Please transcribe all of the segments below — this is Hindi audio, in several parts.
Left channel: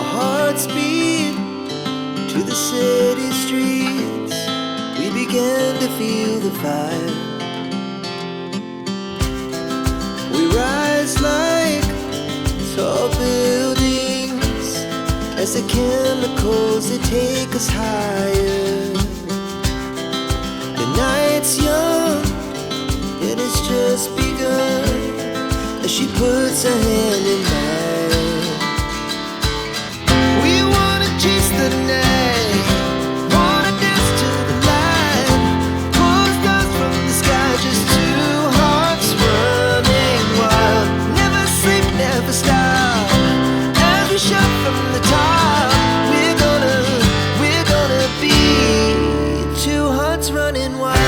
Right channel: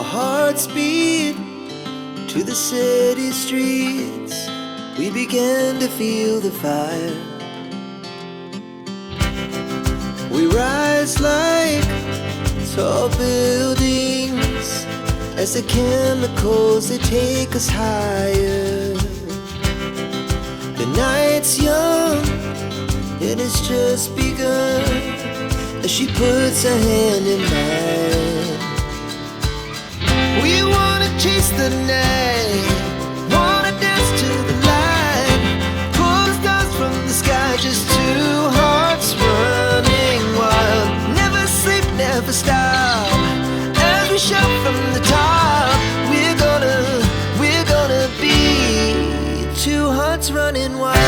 Our hearts beat to the city streets. We began to feel the fire. We rise like tall buildings as the chemicals, they take us higher. The night's young and it's just begun as she puts her hand in mine. We wanna chase the night, wanna dance to the light, pull the stars from the sky, just two hearts running wild. Never sleep, never stop, as we shout from the top. We're gonna be two hearts running wild.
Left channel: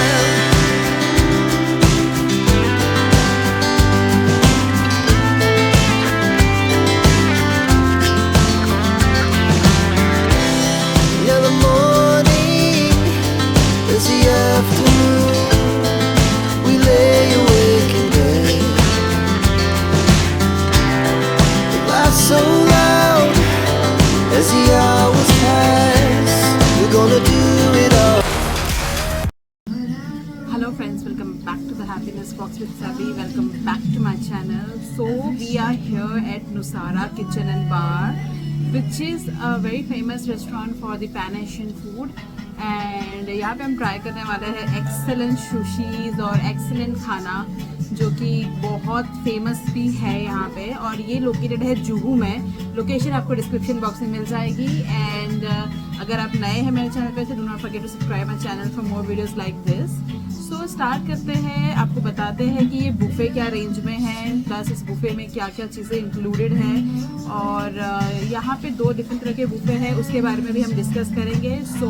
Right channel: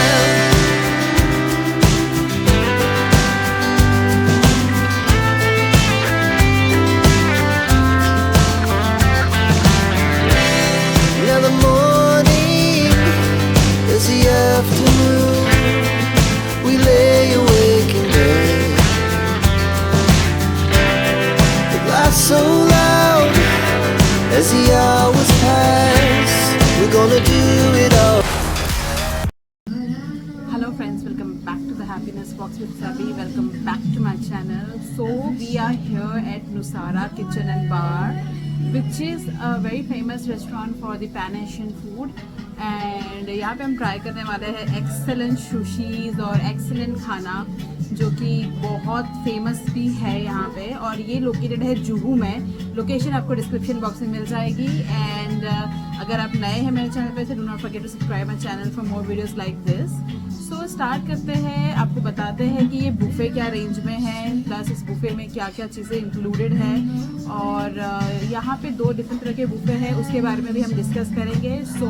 Now the morning is the afternoon. We lay awake in bed. The laughs so loud as the hours pass. We're gonna do it all. Hello friends, welcome back to the Happiness Box with Sabi. Welcome back to my channel. So we are here at Nusara Kitchen and Bar, which is a very famous restaurant for the Pan Asian food. And यहाँ पे हम ट्राई करने वाले हैं एक्सेलेंट सुशीज़ और एक्सेलेंट खाना जो कि बहुत फेमस भी है यहाँ पे, और ये लोकेटेड है जुहू में। लोकेशन आपको डिस्क्रिप्शन बॉक्स में मिल जाएगी। एंड अगर आप नए हैं मेरे चैनल पे, do not forget to subscribe my channel for more videos like this. So start करते हैं, आपको बताते हैं कि ये बुफे क्या रेंज में है, प्लस इस बुफे में क्या क्या चीज़ें इंक्लूडेड हैं, और यहाँ पे दो डिफरेंट तरह के बुफे हैं, उसके बारे में भी हम डिस्कस करेंगे। So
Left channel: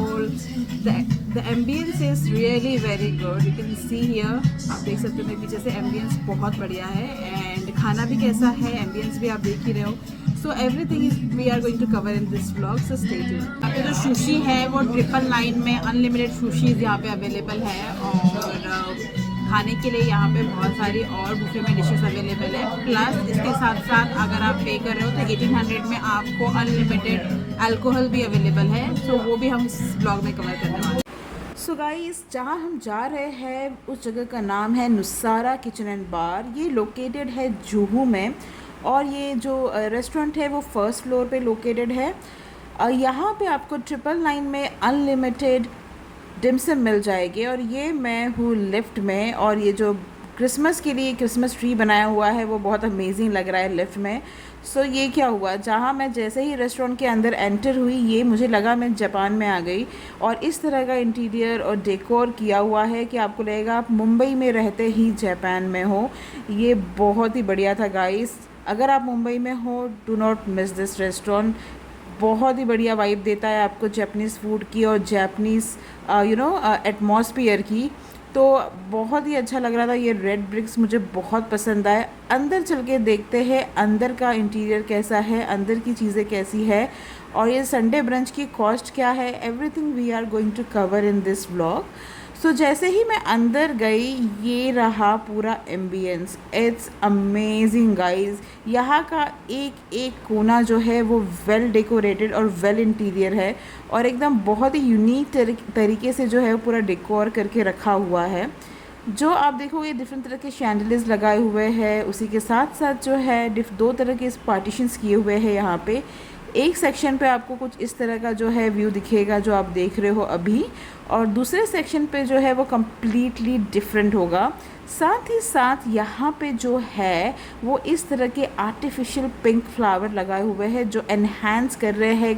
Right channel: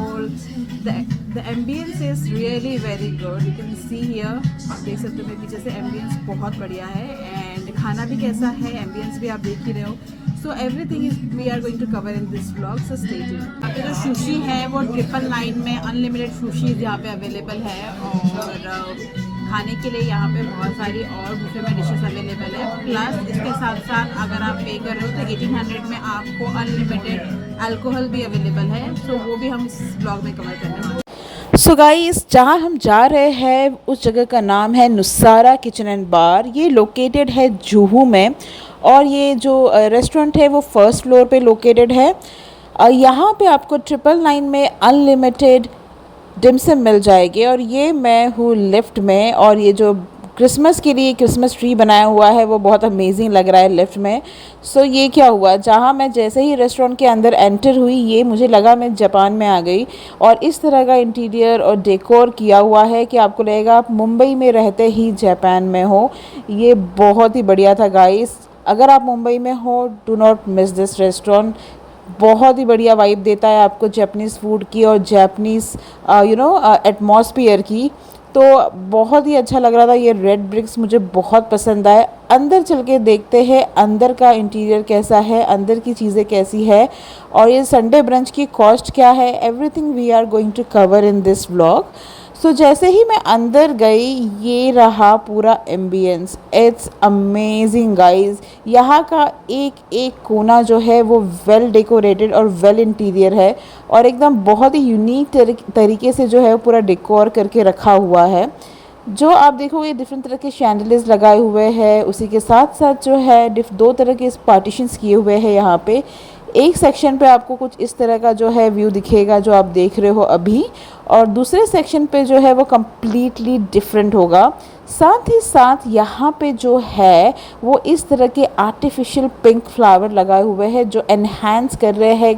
the ambience is really very good, you can see here, आप देख सकते हो मेरे पीछे से, एम्बियंस बहुत बढ़िया है। एंड खाना भी कैसा है, एम्बियंस भी आप देख ही रहे हो। So everything is we are going to cover in this vlog, so stay tuned. यहाँ पे जो सुशी है वो 999 में अनलिमिटेड सुशीज यहाँ पे अवेलेबल है, और खाने के लिए यहाँ पे बहुत सारी और बुफे में डिशेस अवेलेबल है। प्लस इसके साथ साथ अगर आप पे कर रहे हो तो 1800 में आपको अनलिमिटेड अल्कोहल भी अवेलेबल है। सो वो भी हम इस ब्लॉग में कवर करने वाले हैं। सो गाइस, जहाँ हम जा रहे हैं उस जगह का नाम है नुसारा किचन एंड बार। ये लोकेटेड है जुहू में, और ये जो रेस्टोरेंट है वो फर्स्ट फ्लोर पे लोकेटेड है। यहाँ पे आपको 999 में अनलिमिटेड डिमसम मिल जाएगी, और ये मैं हूँ लिफ्ट में, और ये जो क्रिसमस के लिए क्रिसमस ट्री बनाया हुआ है वो बहुत अमेजिंग लग रहा है लिफ्ट में। सो ये क्या हुआ, जहाँ मैं जैसे ही रेस्टोरेंट के अंदर एंटर हुई, ये मुझे लगा मैं जापान में आ गई। और इस तरह का इंटीरियर और डेकोर किया हुआ है कि आपको लगेगा आप मुंबई में रहते ही जापान में हो। ये बहुत ही बढ़िया था गाइस, अगर आप मुंबई में हो do not miss this restaurant. बहुत ही बढ़िया वाइब देता है आपको जापानीज़ फूड की और जापानीज़ एटमॉस्फेयर की। तो बहुत ही अच्छा लग रहा था। ये रेड ब्रिक्स मुझे बहुत पसंद आए। अंदर चल के देखते हैं अंदर का इंटीरियर कैसा है, अंदर की चीज़ें कैसी है, और ये संडे ब्रंच की कॉस्ट क्या है। Everything we are going to cover in this vlog. So जैसे ही मैं अंदर गई, ये रहा पूरा एम्बियंस। It's amazing guys. यहाँ का एक एक कोना जो है वो वेल डेकोरेटेड और वेल इंटीरियर है, और एकदम बहुत ही यूनिक तरीके से जो है पूरा डेकोर करके रखा हुआ है। जो आप देखोगे डिफरेंट तरह के शैंडलियर्स लगाए हुए हैं, उसी के साथ साथ जो है दो तरह के पार्टीशंस किए हुए हैं यहाँ पे। एक सेक्शन पे आपको कुछ इस तरह का जो है व्यू दिखेगा जो आप देख रहे हो अभी, और दूसरे सेक्शन पे जो है वो कम्प्लीटली डिफरेंट होगा। साथ ही साथ यहाँ पे जो है वो इस तरह के आर्टिफिशियल पिंक फ्लावर लगाए हुए हैं जो एनहांस कर रहे हैं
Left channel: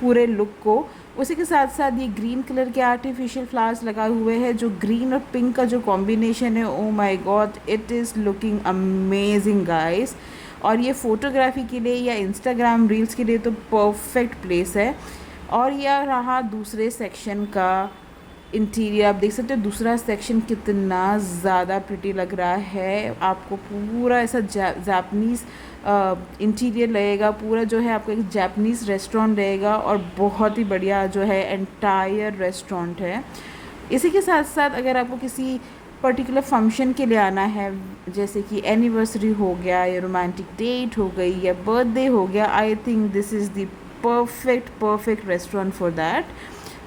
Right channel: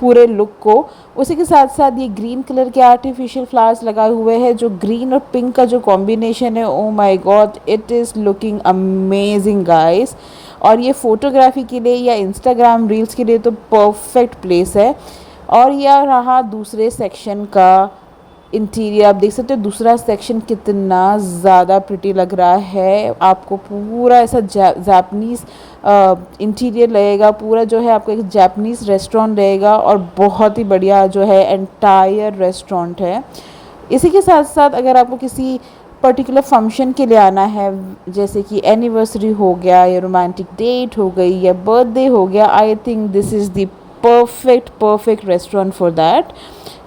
पूरे लुक को। उसी के साथ साथ ये ग्रीन कलर के आर्टिफिशियल फ्लावर्स लगाए हुए हैं, जो ग्रीन और पिंक का जो कॉम्बिनेशन है, oh my God, it is looking amazing guys. और ये फ़ोटोग्राफी के लिए या इंस्टाग्राम रील्स के लिए तो परफेक्ट प्लेस है। और यह रहा दूसरे सेक्शन का इंटीरियर, आप देख सकते हो दूसरा सेक्शन कितना ज़्यादा प्रिटी लग रहा है। आपको पूरा ऐसा जापानीज़ इंटीरियर लगेगा, पूरा जो है आपको एक जापानीज़ रेस्टोरेंट रहेगा, और बहुत ही बढ़िया जो है एंटायर रेस्टोरेंट है। इसी के साथ साथ अगर आपको किसी पर्टिकुलर फंक्शन के लिए आना है, जैसे कि एनिवर्सरी हो गया, या रोमांटिक डेट हो गई, या बर्थडे हो गया, I think this is the perfect restaurant for that.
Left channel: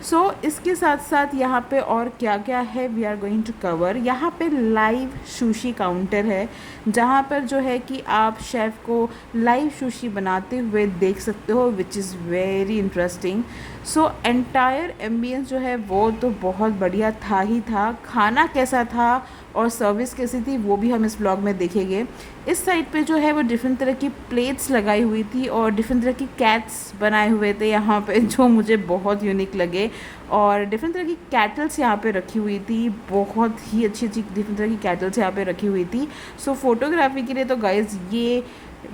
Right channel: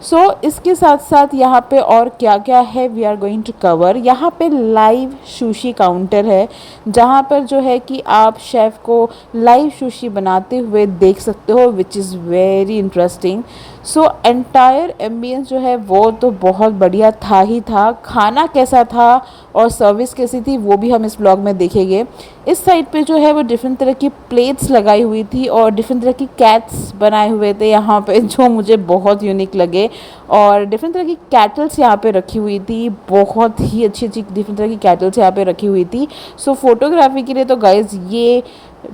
So इसके साथ साथ यहाँ पे और क्या क्या है we are going to cover. यहाँ पे लाइव सुशी काउंटर है जहाँ पर जो है कि आप शेफ़ को लाइव सुशी बनाते हुए देख सकते हो, which is very interesting. So entire ambience जो है वो तो बहुत बढ़िया था ही था। खाना कैसा था और सर्विस कैसी थी वो भी हम इस ब्लॉग में देखेंगे। इस साइड पे जो है वो डिफरेंट तरह की प्लेट्स लगाई हुई थी और डिफरेंट तरह की कैट्स बनाए हुए थे यहाँ पे, जो मुझे बहुत यूनिक लगे। और डिफरेंट तरह की कैटल्स यहाँ पे रखी हुई थी, बहुत ही अच्छी अच्छी डिफरेंट तरह की कैटल्स यहाँ पे रखी हुई थी। सो फोटोग्राफी के लिए तो गाइज ये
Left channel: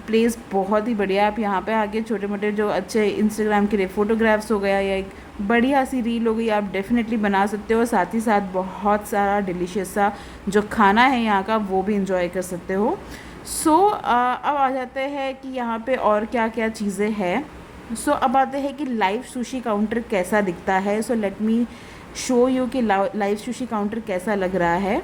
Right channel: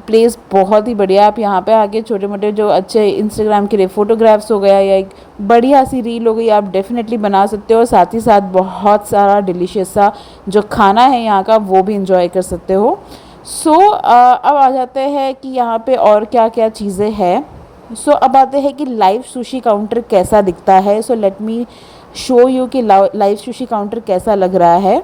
प्लेस बहुत ही बढ़िया। आप यहाँ पे आके छोटे मोटे जो अच्छे इंस्टाग्राम के लिए फ़ोटोग्राफ्स हो गया या एक बढ़िया सी रील हो गई आप डेफिनेटली बना सकते हो। साथ ही साथ बहुत सारा डिलीशियस सा जो खाना है यहाँ का वो भी इंजॉय कर सकते हो। सो अब आ जाते हैं कि यहाँ पे और क्या क्या चीज़ें हैं। सो अब आते हैं कि लाइव सुशी काउंटर कैसा दिखता है। So let me show you कि लाइव सुशी काउंटर कैसा लग रहा है।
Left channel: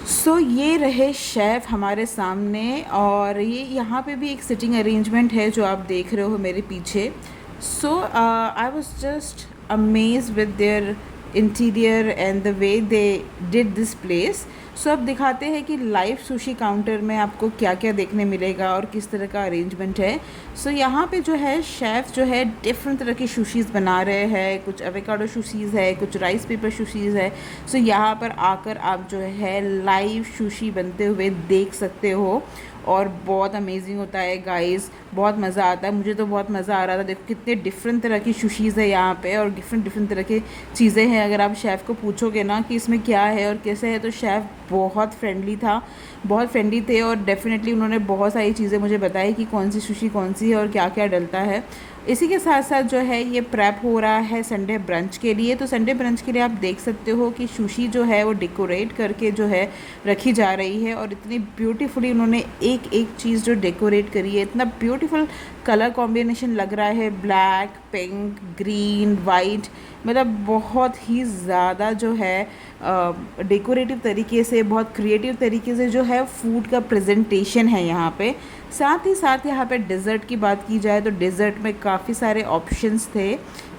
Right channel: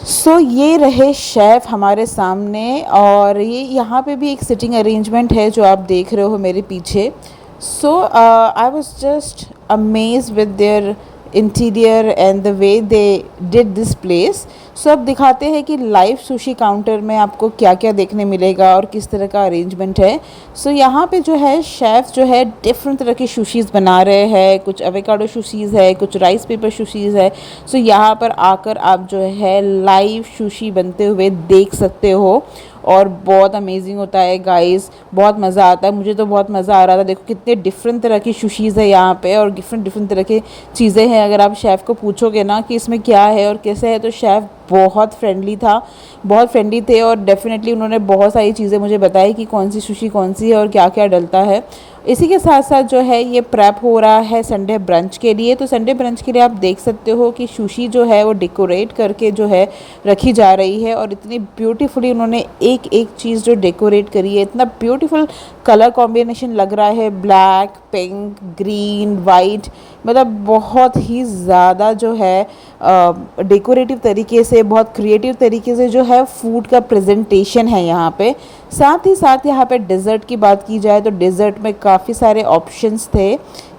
सो ये रहे शेफ़ हमारे सामने और ये यहाँ पे भी एक सिटिंग अरेंजमेंट है जो आप देख रहे हो मेरे पीछे। So I was just amazed with their interior and the way they did this place. So अब दिखाते हैं कि लाइव सुशी काउंटर में आपको क्या क्या देखने मिलेगा और किस तरह का अरेंजमेंट है। सो यहाँ पे जो है शेफ़ जो है डिफरेंट तरह की सुशीज़ बना रहे हैं। कुछ एवोकाडो सुशीज़ है, कुछ राइस पेपर सुशीज़ है। सो यहाँ पर आकर आप जो है लाइव सुशी बनते हुए देख सकते हो और बहुत अमेजिंग होता है गाइस, बहुत मज़ा आता है। मुझे तो बहुत मज़ा आ रहा था। देखो कितने डिफरेंट तरह की सुशीज़ है यहाँ पे और डिफरेंट तरह की चीज़ें हैं। अगर आप शेफ़ को पूछोगे ना कि इसमें क्या है और कैसे है तो शेफ़ बहुत फ्रेंडली थे और डेफिनेटली उन्होंने बहुत सारी चीज़ें मुझे बताई कि कौन सी सुशी कौन सी है और क्या क्या डलता है। इसी के साथ साथ जो है ये प्रेप हो रहा है संडे ब्रंच के लिए। तो संडे ब्रंच के लिए आप देख सकते हो कि सुशी जो है वो डेकोरेट करके जो है रखी जा रही है और इतनी ब्यूटीफुली उन्होंने एक एक चीज़ जो डेकोरेट करी है, इतना ब्यूटीफुल कलर कॉम्बिनेशन लग रहा है, ब्लैक, पिंक, ग्रीन, वाइट, मतलब बहुत ही ज़्यादा जो है डेकोरेटिव तरीके से, बहुत क्रिएटिव तरीके से जो है फूड का प्रेजेंटेशन है यहाँ पे। साथ ही साथ यहाँ पे डिज़र्ट की बात की जाए तो डिज़र्ट में काफ़ी सारे ऑप्शंस थे।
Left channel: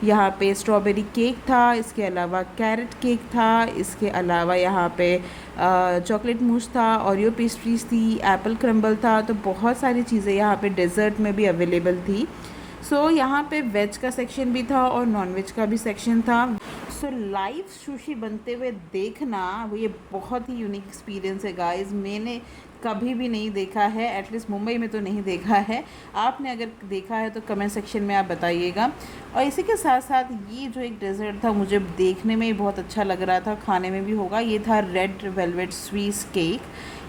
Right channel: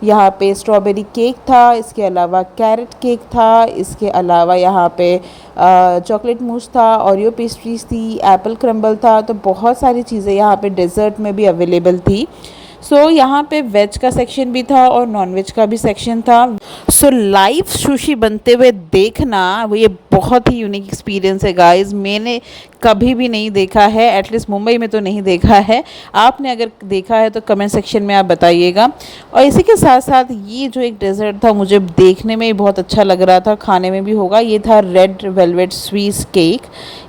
यहाँ पे स्ट्रॉबेरी केक था, इसके अलावा कैरेट केक था, इसके अलावा यहाँ पे चॉकलेट मूस था, ओरियो पेस्ट्रीज थी, एप्पल क्रम्बल था। तो बहुत सारी चीज़ें यहाँ पे डिज़र्ट में भी अवेलेबल थी। सो यहाँ पे वेज का सेक्शन भी था और नॉन वेज का भी सेक्शन था। सो लाइव सुशी बनते हुए देखना वो ये बहुत ही यूनिक एक्सपीरियंस है गाइस। मैंने कभी भी नहीं देखा है, एटलीस्ट मुंबई में तो नहीं देखा है। आपने अगर देखा है तो कमेंट सेक्शन में आप बताइएगा। और इसी के साथ साथ ये जो एक डेजर्ट था मुझे देखने में ही बहुत अच्छा लग रहा था, खाने में भी होगा। ये था रेड वेलवेट स्वीट केक।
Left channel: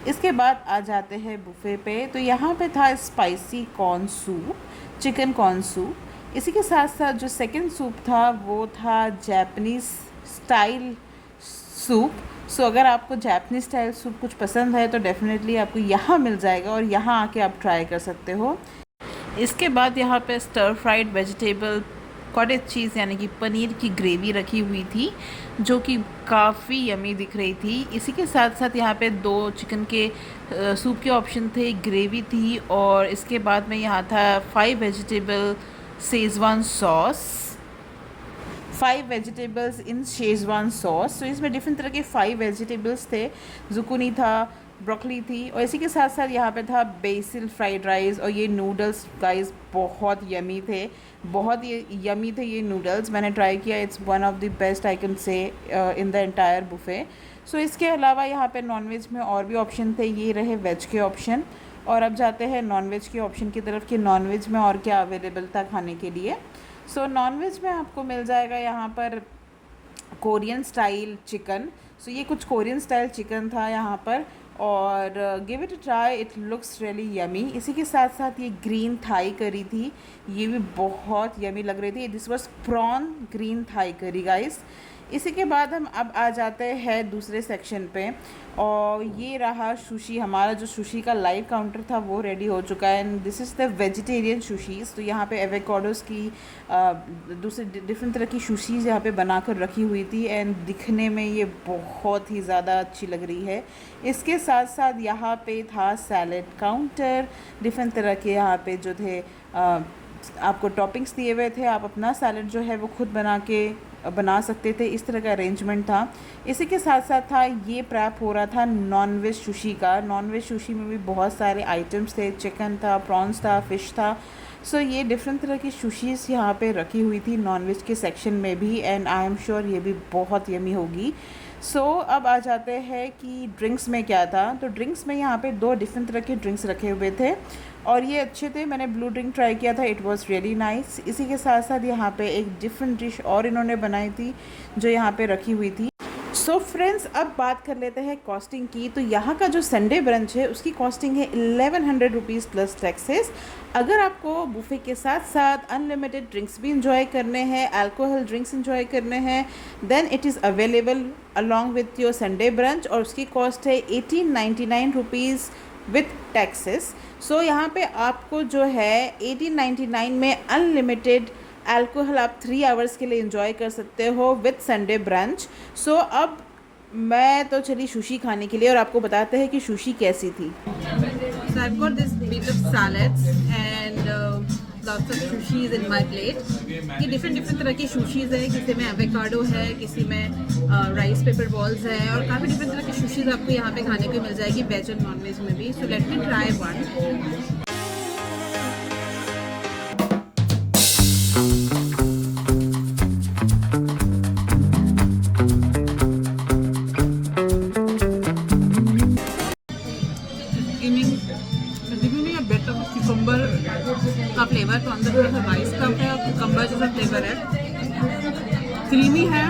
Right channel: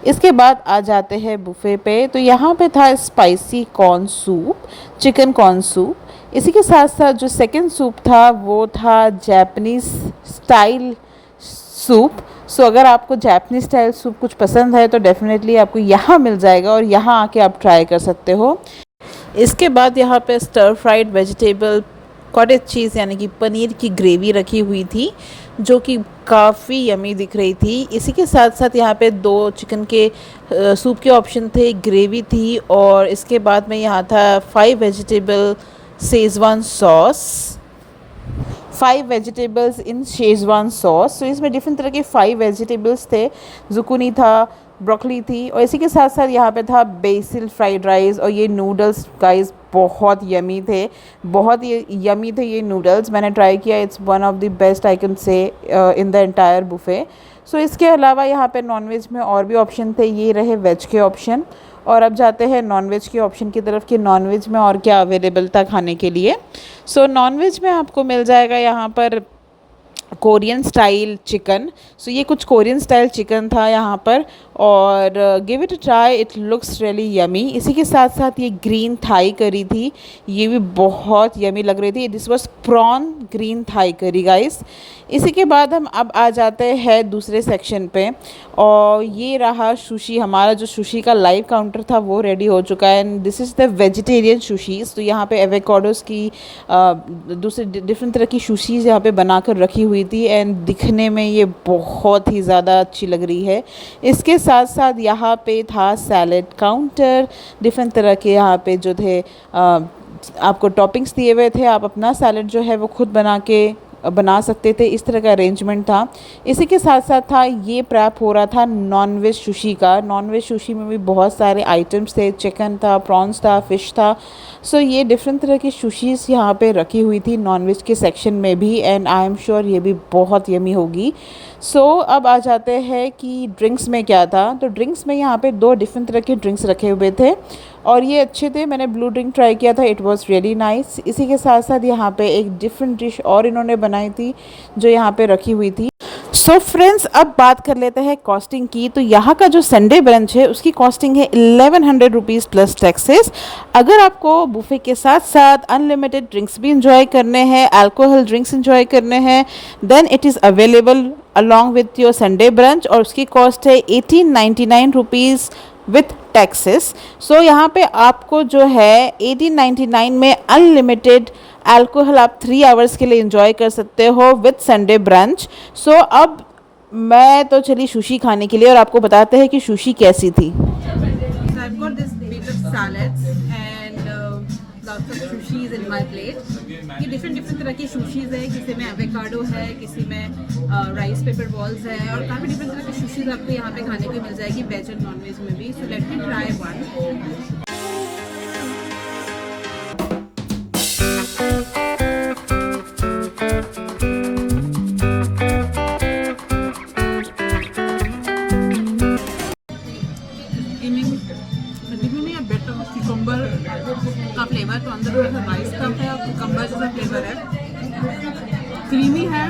इसके बाद आ जाते हैं बुफ़े पे। तो यहाँ पे था spicy corn soup, chicken corn soup. इसी के साथ साथ जो सेकंड सूप था वो था जापानीज़ स्टाइल सूप। सो अगर आपको जापानीज़ स्टाइल सूप कुछ पसंद है तो डेफिनेटली आपको यहाँ मिल जाएगा और यहाँ आके आप ट्राई कर सकते हो। इसके बाद यहाँ पे stir fried vegetable cottage cheese यानी कि पनीर की ग्रेवी रखी हुई थी जो कि काफ़ी यमी दिख रही थी। इसी के साथ साथ यहाँ पे 2 चिकन के सूप के ऑप्शन थे, ग्रेवी थी और इसके बाद में यहाँ था 5 वेजिटेबल शेज़वान सॉस, 5 वेजिटेबल्स इन शेज़वान सॉस। तो इसमें डिफरेंट तरह के 5 वेजिटेबल्स थे, जुकूनी था, ब्रोकली थी और इसी के साथ साथ यहाँ पे था बेसिल फ्राइड राइस। और ये नूडल्स गाइस बहुत यमी थे, बहुत ही यमी थे ये नूडल्स। मैंने ट्राई किया, it's one of the best I can say in the entire buffet. So इसके अलावा यहाँ पे नॉनवेज में और भी ऑप्शन थे, ये रहे वेज के ऑप्शन। और अब जाते हैं नॉनवेज के ऑप्शन की तरफ कि नॉनवेज में और क्या अवेलेबल था खाने के लिए। सो नॉनवेज में आपको मिल जाएगा यहाँ पर कोरियन स्टाइल चिकन। सो ये कुछ कोरियन स्टाइल चिकन था यहाँ पर और give it a try, it looks really yummy. इसी के साथ साथ ये ग्रीन थाई करी थी, ये भी बहुत यमी लग रही थी। This was prawn green Thai curry guys. इसी के बाद हम अब आ जाते हैं दूसरे सेक्शन पे और ये रहा सुशी। हमारा जो सुशी का लाइव काउंटर था वो रेडी हो चुका है and this is the vegetarian sushis. तो यहाँ पे एवोकाडोस की दूसरे डिफरेंट तरह की सुशीज़ यहाँ पे बनाकर रखी हुई थी एंड दिखने में ये बहुत ही ज़्यादा अच्छी लग रही है। इसके साथ साथ यहाँ पे था सैलेड काउंटर, डिफरेंट तरह के यहाँ पे जो थे आपको टॉपिंग्स दिए हुए थे, आप अपना सैलड जो है वो खुद बना सकते थे, इस तरह का अरेंजमेंट था। इसी के साथ साथ था ये प्रैप हो रहा था नॉन वेज सुशी का। नॉन वेज सुशी में भी बहुत सारे आइटम्स थे, चिकन था, प्रॉन्स था, फ़िश था। सो ये डिफरेंट तरह की सुशीज़ यहाँ पे रखी हुई थी नॉन वेज के सेक्शन में भी, एंड आई एम श्योर ये भी बहुत यमी होगी। सो अब आ जाते हैं कि ड्रिंक्स में क्या था। तो ड्रिंक्स में यहाँ पे 2 डिफरेंट तरह के ड्रिंक्स रखे हुए थे और ये अच्छे थे। मैंने ब्लू ड्रिंक ट्राई किया था, इट वाज रियली नाइस। इसी के साथ साथ यहाँ पे एक डिफरेंट डिश और इन्होंने बनाई थी जो यहाँ पे रखी हुई थी। सो फ्रेंड्स, अब बात कर लेते हैं कॉस्टिंग की। तो यहाँ का जो संडे ब्रंच है उसकी कॉस्टिंग है 1100 रुपीज़ प्लस टैक्सेस। अगर आपको बुफे के साथ साथ अनलिमिटेड ड्रिंक्स भी इंजॉय करने हैं, अल्कोहल ड्रिंक्स इंजॉय करने हैं, then it is available along with your Sunday brunch और उसकी कॉस्ट है 1899 रुपीज़ विथ टैक्सेस। सो यहाँ पे आपको जो है 1899 में अनलिमिटेड अल्कोहल आप 3 आवर्स के लिए इंजॉय कर सकते हो विथ संडे ब्रंच। सो अब मैं तो चली सुशी खाने के लिए और आपको बताते हैं कि सुशी कैसी थी। So I've got this bit of salads and lots of sushis in my plate. ये डिफरेंट तरह की sushis है, किसी में एवोकाडो है, किसी में राइस पेपर बॉल्स है और काफ़ी डिफरेंट तरह की sushis आपको यहाँ पे खाने को मिल जाएगी, वेज और नॉन वेज में भी। So let me try one. Cucumber का फ्लेवर, तो अंदर थोड़ा सा राइस का है और कुकम्बर जैसा फ्लेवर है, क्रीमी है,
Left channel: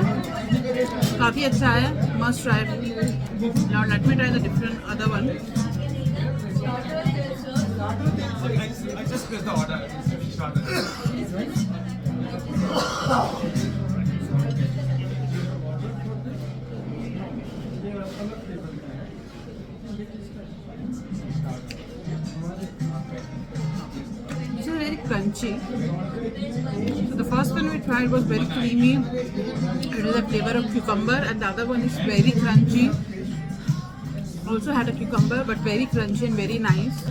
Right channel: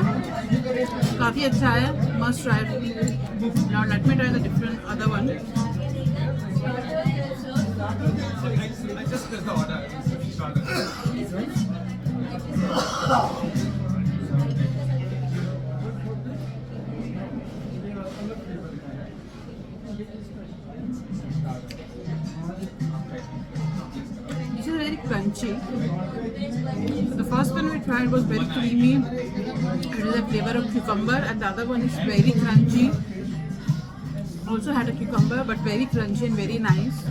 काफ़ी अच्छा है, must try. Now let me try the different other one. Very crunchy. So the first one we tried was very creamy. It is a flavor of cucumber, and the other one is very crunchy. Also had a cucumber, but very crunchy and very nice.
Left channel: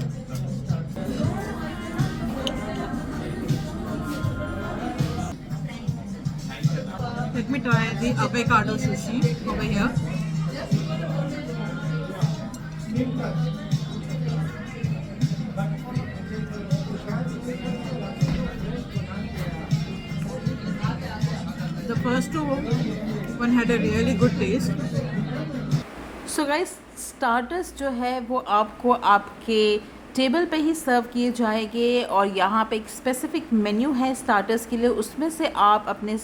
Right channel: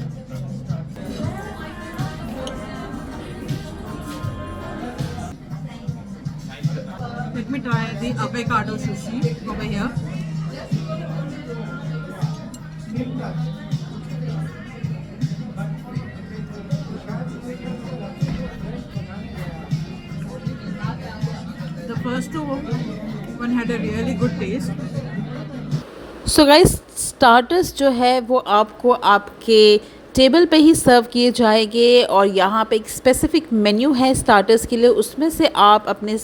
Let me try the avocado sushi over here. The first one had a really good taste. So guys, starters जो है वो आपको आपके टेबल पे ही सर्व किए जाएंगे और यहाँ पे एक स्पेसिफिक मेन्यू है स्टार्टर्स के लिए, उसमें से आप अपने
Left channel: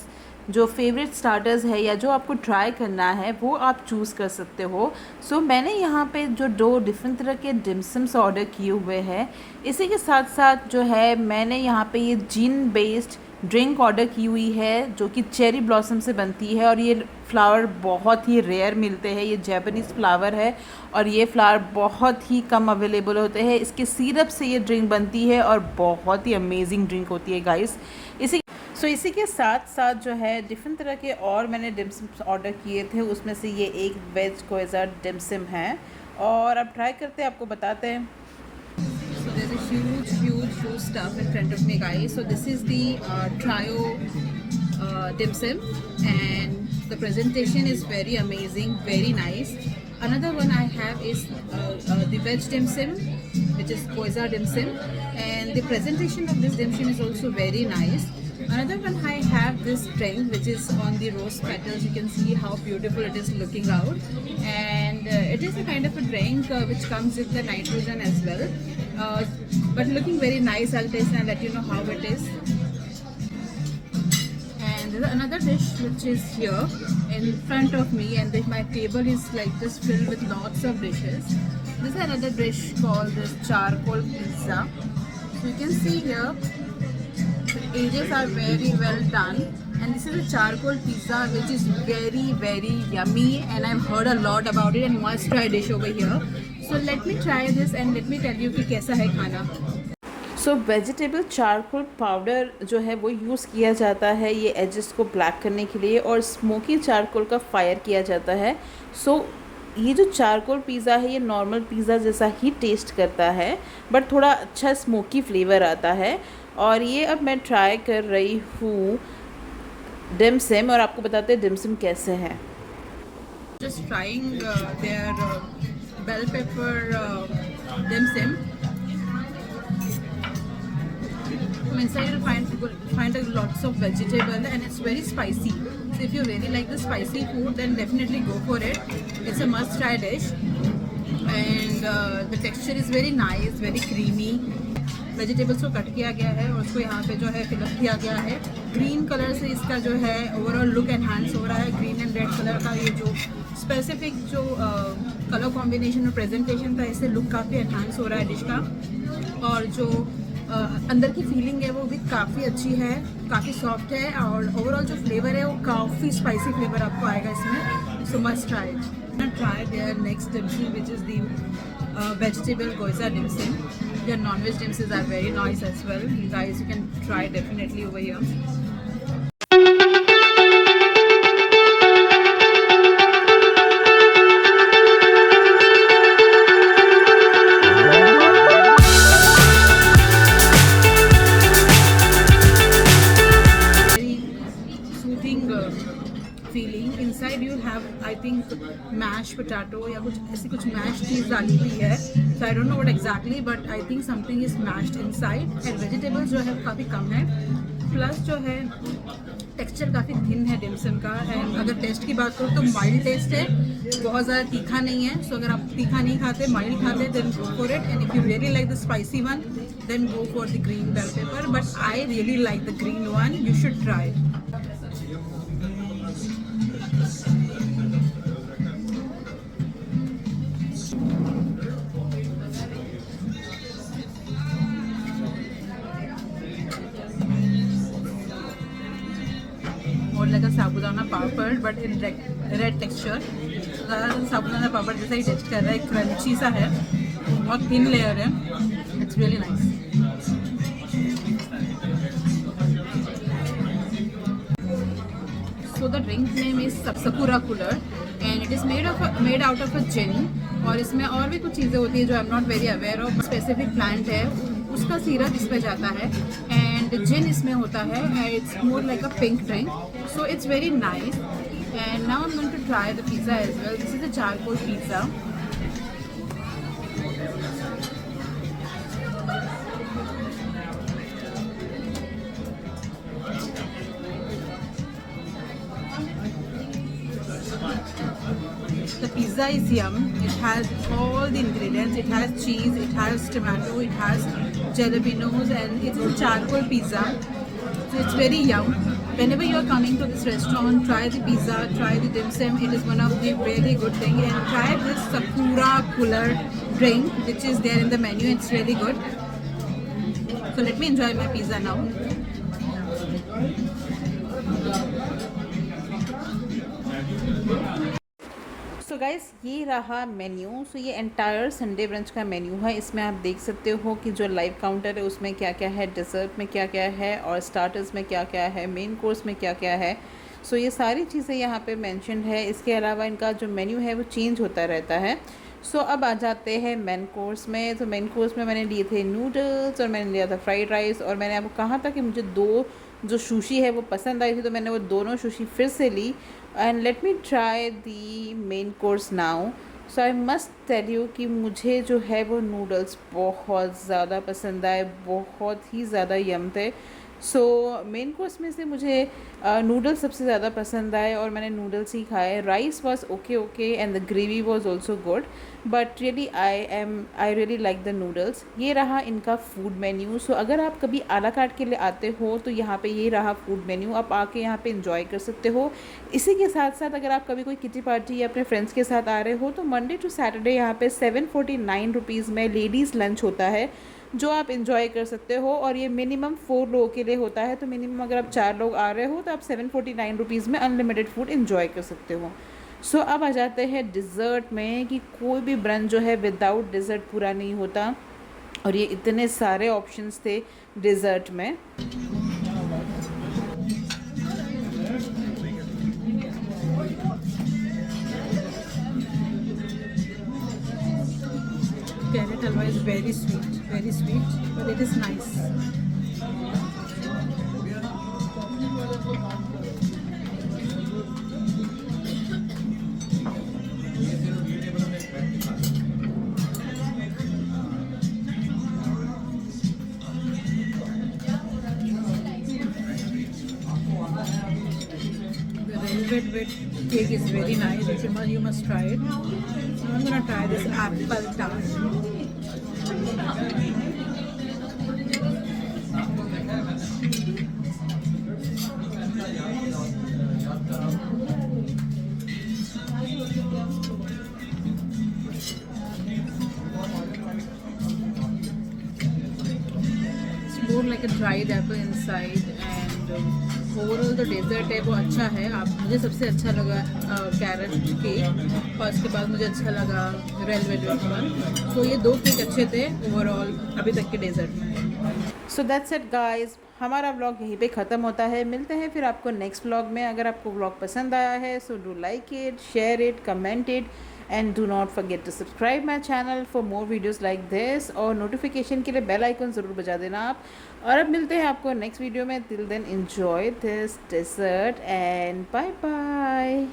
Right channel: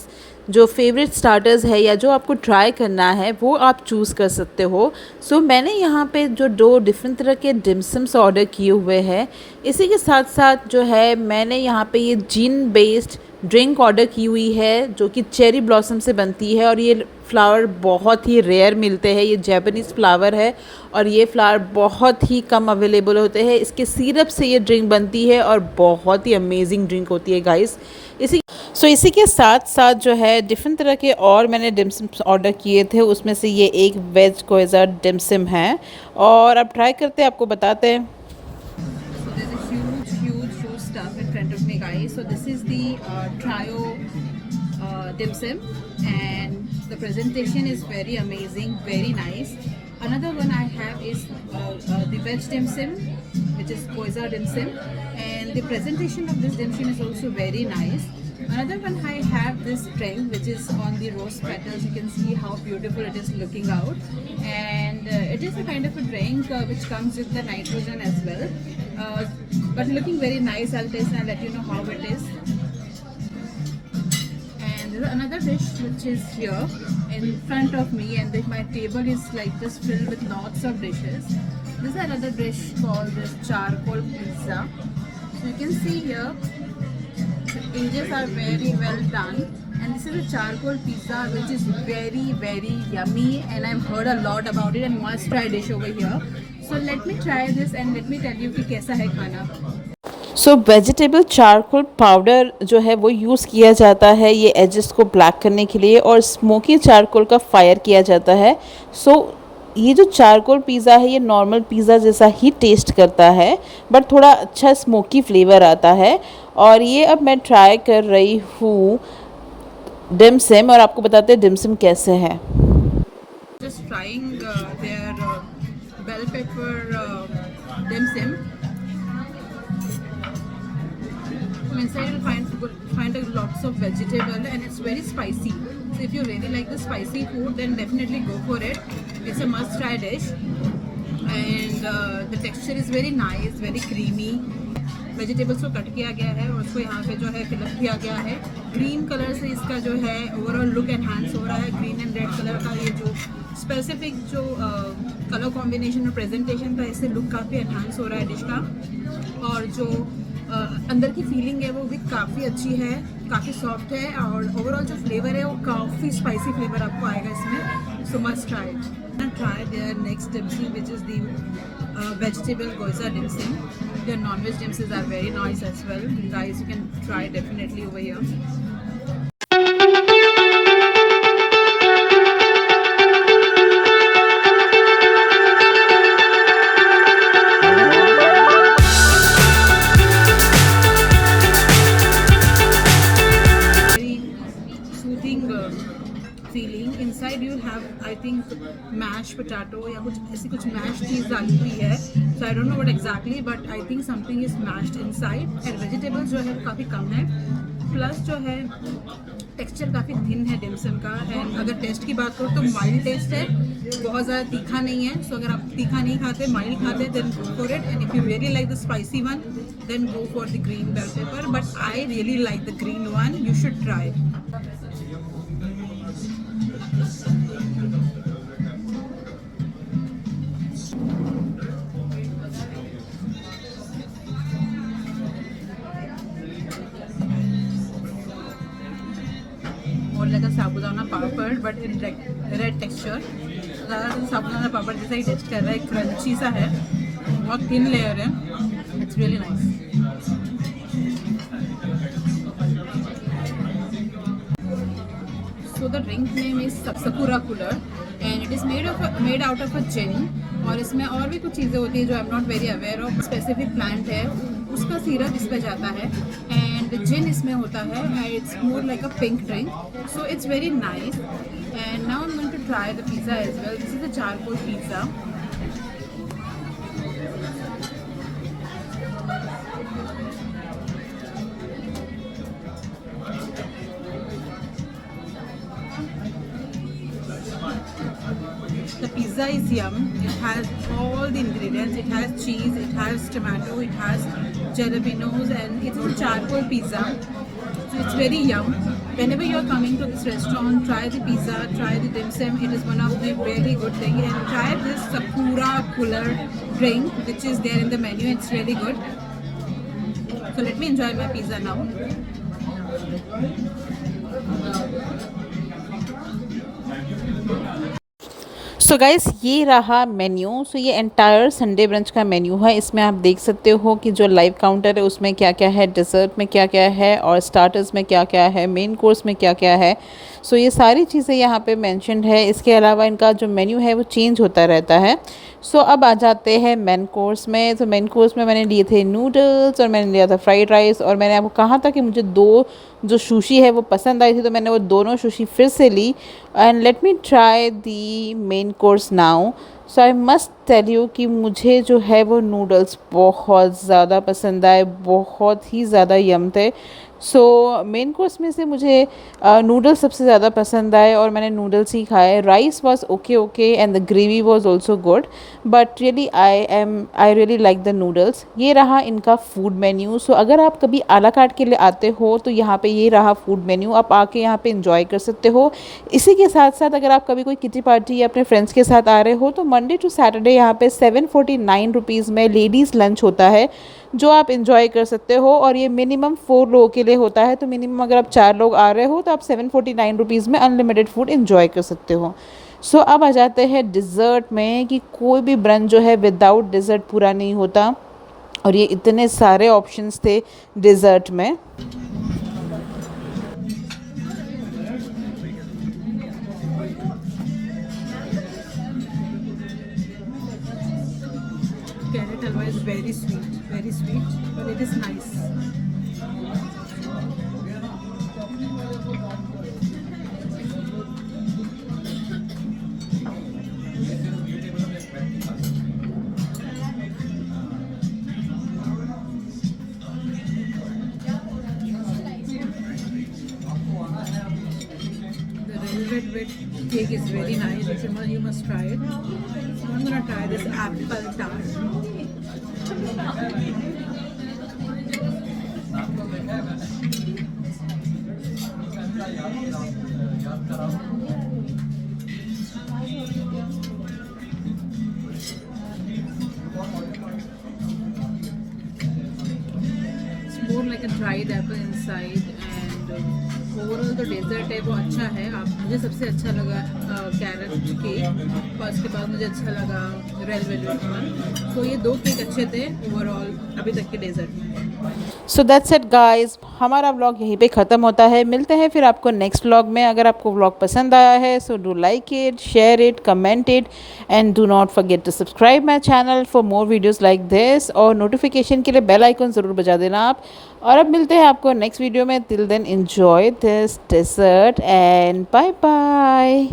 जो फेवरेट स्टार्टर्स है या जो आपको ट्राई करना है वो आप चूज़ कर सकते हो। सो मैंने यहाँ पे जो 2 डिफरेंट तरह के डिम्सम्स ऑर्डर किए हुए हैं, इसी के साथ साथ जो है मैंने यहाँ पे ये जीन बेस्ड ड्रिंक ऑर्डर की हुई है जो कि चेरी ब्लॉसम से बनती है और ये फ्लावर बहुत ही रेयर मिलते हैं। ये जैपनीज़ फ्लावर है और ये फ्लावर बहुत ही कम अवेलेबल होते हैं। इसके सिरप से ये ड्रिंक बनती है और बहुत ही अमेजिंग ड्रिंक होती है गाइस। इसी के साथ साथ जो है डिफरेंट तरह के और मैंने डिम्सम ऑर्डर किए थे, उसमें से ये एक वेज कोएज़ा डिम्सम है और अब ट्राई करते हैं, आपको बताते हैं। Stuff in front of me, guys. So this is the trio dim sum, and the presentation is very amazing, very nice. Another one I have is the veg dim sum, which is koeza dim sum, and the presentation of this dim sum is also very nice. Another one I have this drink which is on the rose petals. You can see how beautiful it is looking out, and it is a kind of a drink which comes with the nitrogen as well, but looking very nice. I'll taste and I'll let you know how it is. And there's another dish which is here in front of me, and my table is like just filled with lots of dishes. This is another dish called this charcoal pizza. So you can see here the edges are very well done, and this is a charcoal pizza which is very yummy, and I've heard a lot about it and must try dish over here. So let me try this and let me tell you कि कैसा है खाना। सो वेजिटेबल चारकोल पाउडर जो है वो यूज़ किया जाता है ये एजेस को ब्लैक करने के लिए, और स्मोकी चारकोल का फायर किया जाता है। सो ये जो चारकोल पिज़्ज़ा है ये नॉर्मल पिज़्ज़ा जैसा ही टेस्ट करता है, बट थोड़ा अच्छा स्मोकी फ्लेवर आता है। और ये अब मैं ट्राई कर रही हूँ डिमसिम, और आपको बताते हैं डिमसिम कैसे है। Just trying their bell pepper dim sum. From inside you'll find lots of vegetable and it's very spicy. So if you really like the spicy food, then definitely go for it. It's a must-try dish, and the texture is very nice, very creamy. Vegetables को कट किया गया है और उसको यहाँ पे जो है फिलअप किया गया है। ग्रीन कलर से इसका जो है ओवरऑल लुक एनहांस हो रहा है। ग्रीन एंड रेड कलर का ये जो स्पेसिफिक जो कलर कॉम्बिनेशन और प्रेजेंटेशन था, इससे लुक काफ़ी एनहांस हो रहा है डिश का। और जो अंदर की फीलिंग है वो भी काफ़ी अच्छी है, काफ़ी सॉफ्ट है, और ओवरऑल जो फ्लेवर है वो काफ़ी स्पाइसी फ्लेवर आपको आएगा इसमें। So must try it and try their next dim sum, which is the vegetable goisa dim sum. Their non-veg dim sums are very nice as well. Guys, you can try definitely over here. Filling inside you have I think mash potato या कुछ ऐसी कुछ मैश चीज़ डाली हुई है। So I don't know what exactly, but I think something is mashed inside. And vegetables जो है काफ़ी कम है, प्लस जो है टेक्सचर काफ़ी थिन है डिम सम का। एंड अगर टेस्ट की बात करूँ तो माइल्ड टेस्ट है, बहुत ज़्यादा तीखा नहीं है। सो अगर आप तीखा नहीं खाते, माइल्ड खाते, then go for it. And if you really like the spicy one, then go for the green bell pepper, but I really like the green one. You should try. More like a sabudana papad but in red texture. ज़्यादा साबुदाना पापड़ जैसा ही टेस्ट कर रहा है, क्रंची सा है, बहुत थिन लेयर है। It's really nice. So the drink name is Sakura Cooler and it is made out of a gin, और इसमें और भी कुछ चीज़ें होती है जो I am not very aware of. Specific plant है, उसका सिरप इस पे जाता है एंड जिन इसमें होता है and it's more like a pink drink. So it's very nice and now I am going to try the pizza as well. This is a charcoal pizza. The pizza is yum. It has all the ingredients. It has cheese, it has tomato, it has jalapenos, and it's a charcoal pizza. So it's very yum. Whenever you are coming to this restaurant, try the pizza, try the dim sum. It is one of the really good thing. And try this Sakura Cooler drink, which is there in the menu. It's really good. So let me enjoy my pizza now. So guys, ये रहा मेन्यू। सो ये एंटायर संडे ब्रंच का मेन्यू है। इसमें आप देख सकते हो कि जो लाइव काउंटर है उसमें क्या क्या है, डिज़र्ट में क्या क्या है, और स्टार्टर्स में क्या क्या है, मेन कोर्स में क्या क्या है। सो ये सारी चीज़ें यहाँ पे मेंशन्ड है। इसके अलावा इनका जो मेन्यू है वो चेंज होता रहता है। सो अब आ जाते हैं मेन कोर्स में। तो मेन कोर्स में मैंने लिए थे नूडल्स और मैंने लिया था फ्राइड राइस, और मैंने आपको कहा था कि मुझे दो जो सुशी है वो पसंद आई थी, तो मैंने वो दोनों सुशी फिर से ली। And let me try the main course now. So I must tell you कि मुझे जो है वो नूडल्स बहुत ज़्यादा पसंद आए, बहुत ही ज़्यादा यम थे। सो मेन कोर्स में से मुझे नूडल्स सबसे ज़्यादा पसंद आए और मैंने नूडल्स ही खाए। Rice was okay and the gravy was also good, but really I really like the noodles. ये रहा इनका फूड मेन्यू। सो अगर आप कभी आला कार्ट के लिए आते हो तो यहाँ पे ये रहा फूड मेन्यू, आप आके यहाँ पे इंजॉय कर सकते हो। इसी के साथ साथ अगर आप कभी कोई किटी पार्टी या अपने फ्रेंड्स के साथ आ रहे हो तो मंडे टू सैटरडे यहाँ पे 749 रुपीज़ में लेडीज़ लंच होता है जो आप इंजॉय कर सकते हो, और ये मिनिमम 4 लोगों के लिए होता है। तो मिनिमम अगर आप 4 लोग आ रहे हो तो आप 749 रुपीज़ में अनलिमिटेड फूड इंजॉय कर सकते हो। सो अब आ जाते हैं डिज़र्ट में कि कोई भी ब्रंच जो है विदाउट डिज़र्ट पूरा नहीं होता, और ये इतने सारे ऑप्शंस थे डिज़र्ट में। Carrot halwa is very sweet, but it is nice. velvet cake is very nice. You must try it. So I'm gonna try this apple tart. It's more like a dried apple inside, and overall जो डेजर्ट है वो अच्छा है। आप मुझे सबसे अच्छा लगा कैरेट केक, और उसके बाद मुझे अच्छा लगा रेड वेलवेट वन। तो ये 2 केक अच्छे थे ओवरऑल अभी तक के डेजर्ट में। सो दैट्स इट गाइस, हमारा व्लॉग यहीं पे ख़त्म होता है। मिलते हैं फिर आपको नेक्स्ट व्लॉग में। अगर आपको व्लॉग पसंद आया है so do like it, share it, comment it and do not forget to subscribe my channel for more videos like this, और नोटिफिकेशन के लिए बेल आइकन ज़रूर बजा देना आप। और अब मिलते हैं आपको नेक्स्ट वीडियो में। Till then enjoy this dessert and bye bye.